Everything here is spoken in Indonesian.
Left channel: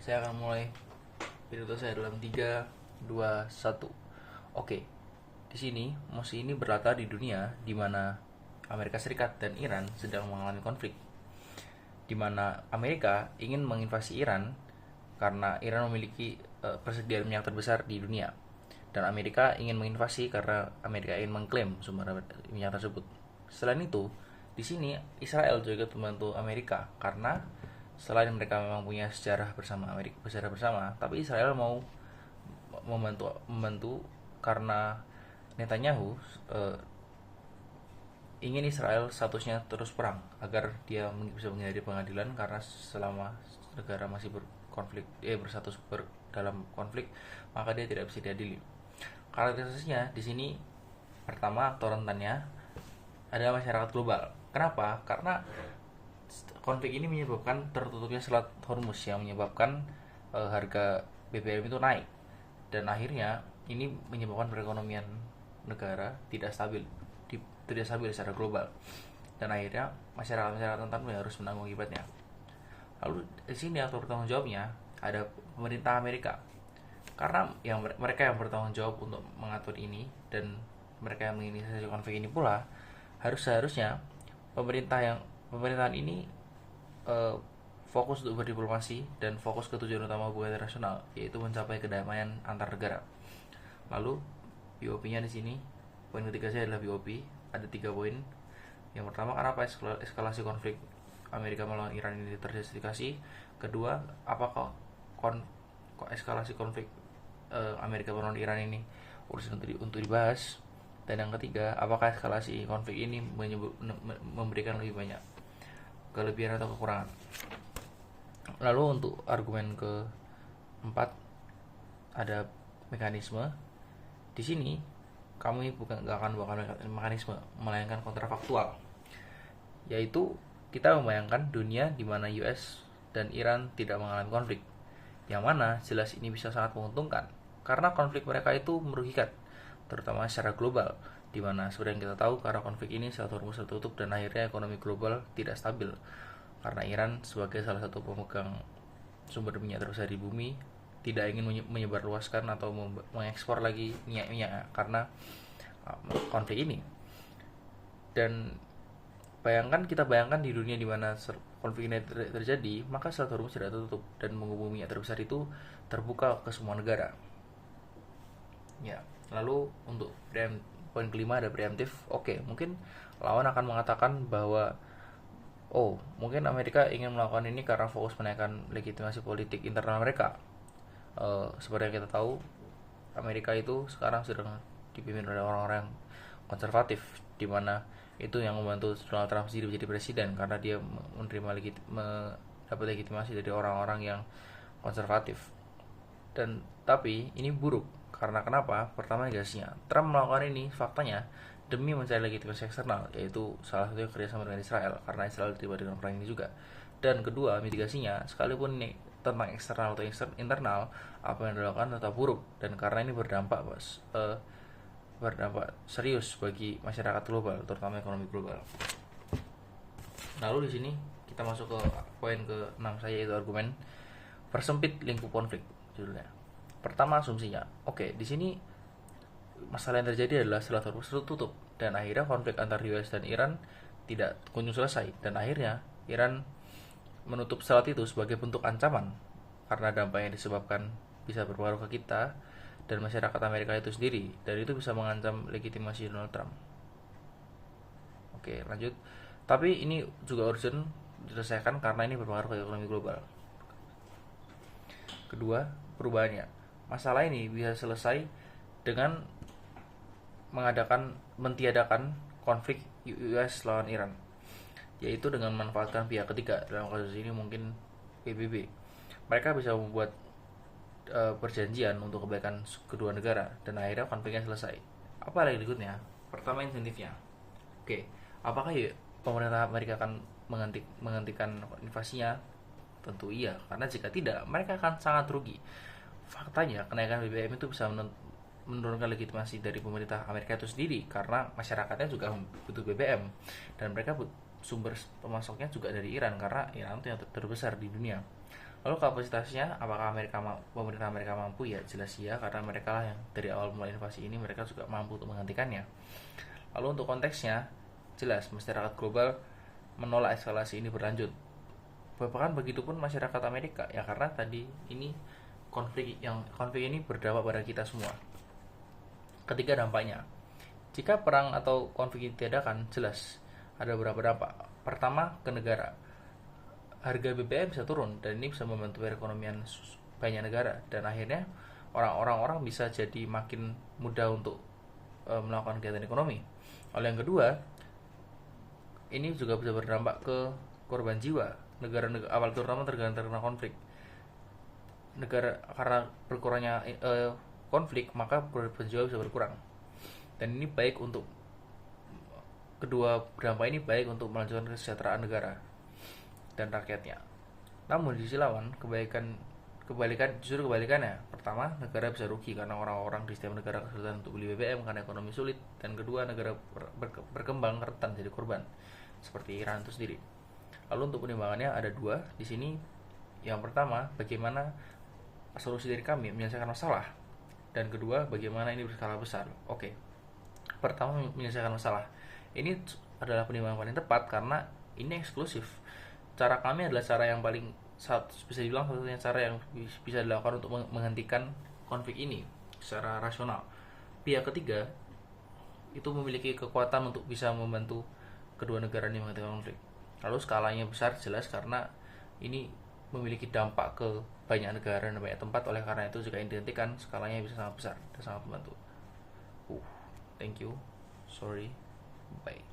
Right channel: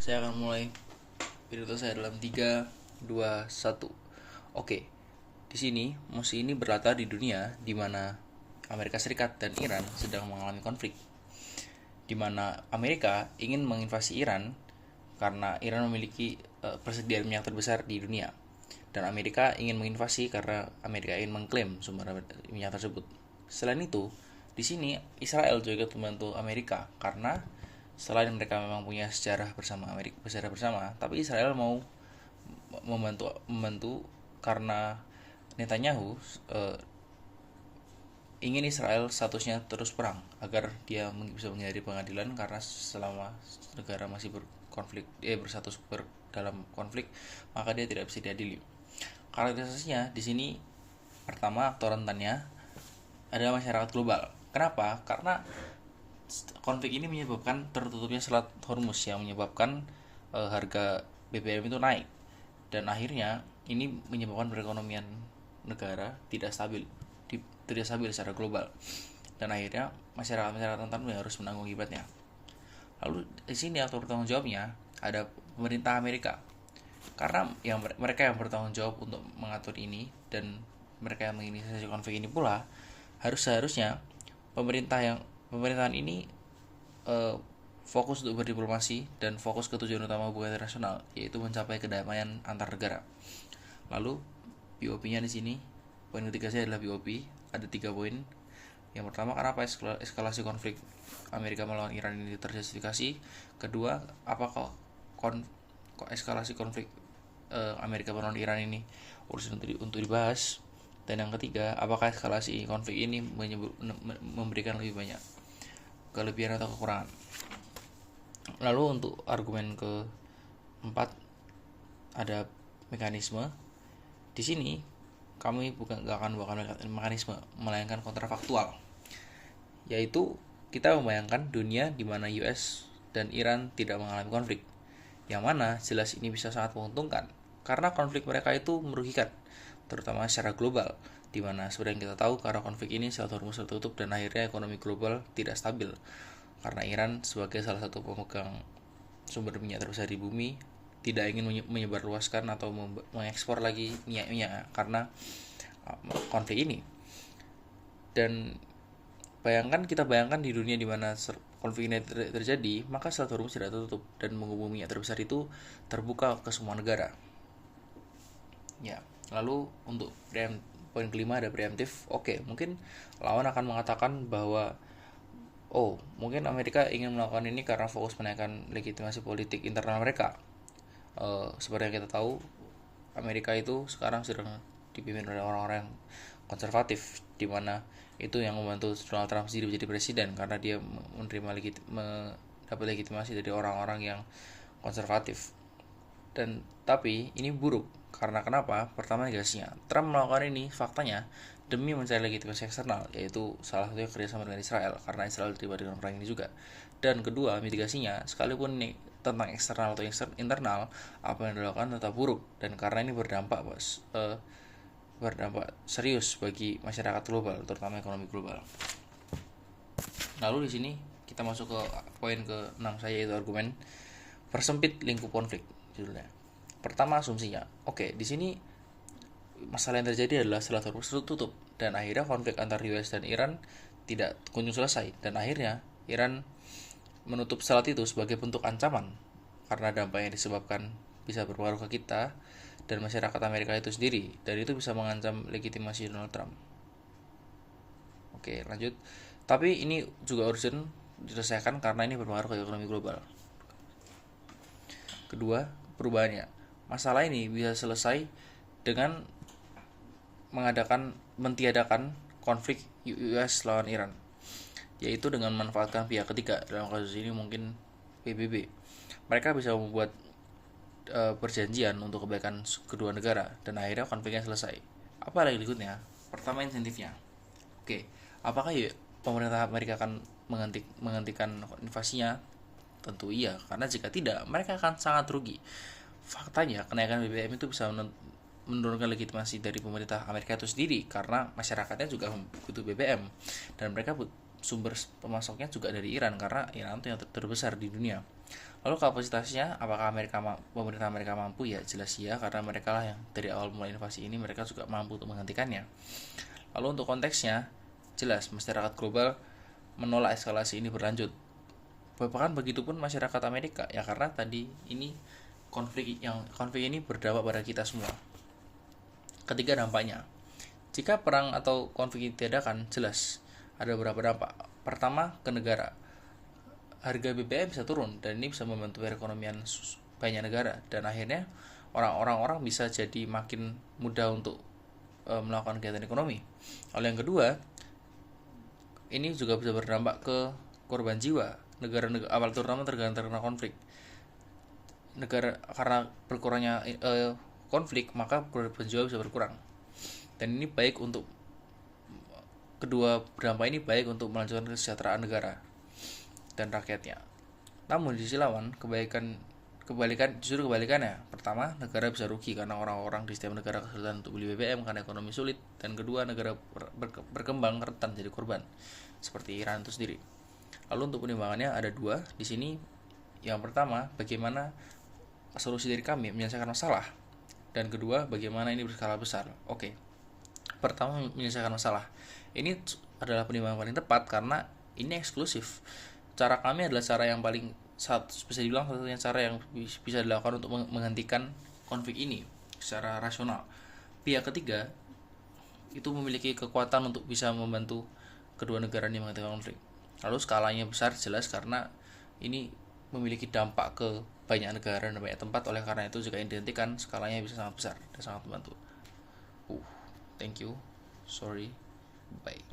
Saya akan mulai pidato saya dalam 3, 2, 1. Oke, di sini musuh ini berlatar di dunia di mana Amerika Serikat dan Iran sedang mengalami konflik. Di mana Amerika ingin menginvasi Iran karena Iran memiliki persediaan minyak terbesar di dunia. Dan Amerika ingin menginvasi karena Amerika ingin mengklaim sumber minyak tersebut. Selain itu, di sini Israel juga membantu Amerika karena selain mereka memang punya sejarah bersama Amerika, sejarah bersama, tapi Israel mau membantu karena Netanyahu ingin Israel statusnya terus perang agar dia bisa menghadiri pengadilan karena selama negara masih berkonflik bersatu dalam konflik, maka dia tidak bisa diadili. Karakterisasinya di sini pertama aktor rentannya adalah masyarakat global. Kenapa? Karena konflik ini menyebabkan tertutupnya Selat Hormuz yang menyebabkan harga BBM itu naik, dan akhirnya ini menyebabkan perekonomian negara tidak stabil secara global, dan akhirnya masyarakat rentan harus menanggung akibatnya. Lalu di sini aktor bertanggung jawabnya ada pemerintah Amerika, karena mereka yang bertanggung jawab untuk mengatur ini, dan mereka yang menginisiasi konflik ini pula seharusnya pemerintahan ini fokus untuk berdiplomasi dan fokus ke tujuan utama hubungan internasional, yaitu mencapai kedamaian antar negara. Lalu POP-nya di sini, poin ketiga saya adalah POP. Ada 3 poin. Yang pertama, kenapa eskalasi konflik Amerika melawan Iran ini terjustifikasi. Kedua, apakah eskalasi konflik Amerika melawan Iran ini urusan untuk dibahas. Dan yang ketiga, apakah eskalasi konflik ini memberikan lebih banyak kelebihan atau kekurangan. Lalu untuk argumen keempat ada mekanisme. Di sini kami gak akan mekanisme, melainkan kontrafaktual, yaitu kita membayangkan dunia di mana US dan Iran tidak mengalami konflik, yang mana jelas ini bisa sangat menguntungkan karena konflik mereka itu merugikan, terutama secara global, di mana seperti yang kita tahu karena konflik ini Selat Hormuz tertutup dan akhirnya ekonomi global tidak stabil karena Iran sebagai salah satu pemegang sumber minyak terbesar di bumi tidak ingin menyebarluaskan atau mengekspor lagi minyak karena konflik ini. Dan kita bayangkan di dunia di mana konflik ini terjadi, maka Selat Hormuz tidak tertutup dan menghubungi minyak terbesar itu terbuka ke semua negara. Ya, lalu untuk poin kelima ada preemptif. Oke, mungkin lawan akan mengatakan bahwa mungkin Amerika ingin melakukan ini karena fokus menaikkan legitimasi politik internal mereka. Seperti yang kita tahu, Amerika itu sekarang sedang dipimpin oleh orang-orang konservatif, di mana itu yang membantu Donald Trump sendiri menjadi presiden karena dia mendapat legitimasi dari orang-orang yang konservatif. Dan tapi ini buruk karena kenapa? Pertama, negasinya. Trump melakukan ini faktanya demi mencari legitimasi eksternal, yaitu salah satunya kerjasama dengan Israel karena Israel terlibat dengan perang ini juga. Dan kedua, mitigasinya, sekalipun ini tentang eksternal atau internal, apa yang dilakukan tetap buruk, dan karena ini berdampak serius bagi masyarakat global, terutama ekonomi global. Lalu di sini kita masuk ke poin ke-6 saya, yaitu argumen persempit lingkup konflik judulnya. Pertama, asumsinya. Oke, di sini masalah yang terjadi adalah Selat Hormuz tutup dan akhirnya konflik antar US dan Iran tidak kunjung selesai, dan akhirnya Iran menutup selat itu sebagai bentuk ancaman karena dampak yang disebabkan bisa berpengaruh ke kita dan masyarakat Amerika itu sendiri, dan itu bisa mengancam legitimasi Donald Trump. Oke, lanjut. Tapi ini juga urgent diselesaikan karena ini berpengaruh ke ekonomi global. Kedua, perubahannya. Masalah ini bisa selesai dengan mentiadakan konflik US lawan Iran, yaitu dengan memanfaatkan pihak ketiga. Dalam kasus ini mungkin PBB. Mereka bisa membuat perjanjian untuk kebaikan kedua negara dan akhirnya konfliknya selesai. Apa lagi berikutnya? Pertama, insentifnya. Oke, apakah pemerintah Amerika akan menghentikan invasinya? Tentu iya, karena jika tidak, mereka akan sangat rugi. Faktanya, kenaikan BBM itu bisa menurunkan legitimasi dari pemerintah Amerika itu sendiri karena masyarakatnya juga butuh BBM, dan mereka sumber pemasoknya juga dari Iran karena Iran itu yang terbesar di dunia. Lalu kapasitasnya, apakah pemerintah Amerika mampu? Ya jelas ya, karena mereka lah yang dari awal mulai invasi ini mereka juga mampu untuk menghentikannya. Lalu untuk konteksnya, jelas masyarakat global menolak eskalasi ini berlanjut. Bahkan begitupun masyarakat Amerika, ya karena tadi ini konflik ini berdampak pada kita semua. Ketiga dampaknya, jika perang atau konflik ini diadakan, jelas ada beberapa dampak. Pertama, ke negara. Harga BBM bisa turun dan ini bisa membantu perekonomian banyak negara, dan akhirnya orang-orang bisa jadi makin mudah untuk melakukan kegiatan ekonomi. Lalu yang kedua, ini juga bisa berdampak ke korban jiwa negara-negara awal, terutama terkena konflik. Negara karena berkurangnya konflik, maka korban jiwa bisa berkurang. Dan ini baik untuk kedua dampak ini baik untuk melanjutkan kesejahteraan negara dan rakyatnya. Namun di sisi lawan, justru kebalikannya. Pertama, negara bisa rugi karena orang-orang di setiap negara kesulitan untuk beli BBM karena ekonomi sulit, dan kedua, negara berkembang rentan jadi korban, seperti Iran itu sendiri. Lalu untuk penimbangannya ada dua di sini. Yang pertama, bagaimana solusi dari kami menyelesaikan masalah, dan kedua, bagaimana ini berskala besar. Oke. Pertama, menyelesaikan masalah. Ini adalah penimbangan paling tepat karena ini eksklusif. Cara kami adalah cara yang paling bisa dibilang satu-satunya cara yang bisa dilakukan untuk menghentikan konflik ini secara rasional. Pihak ketiga itu memiliki kekuatan untuk bisa membantu kedua negara ini menghentikan konflik. Lalu skalanya besar jelas karena ini memiliki dampak ke banyak negara dan banyak tempat, oleh karena itu jika dihentikan skalanya bisa sangat besar dan sangat membantu. Thank you. Sorry. Bye.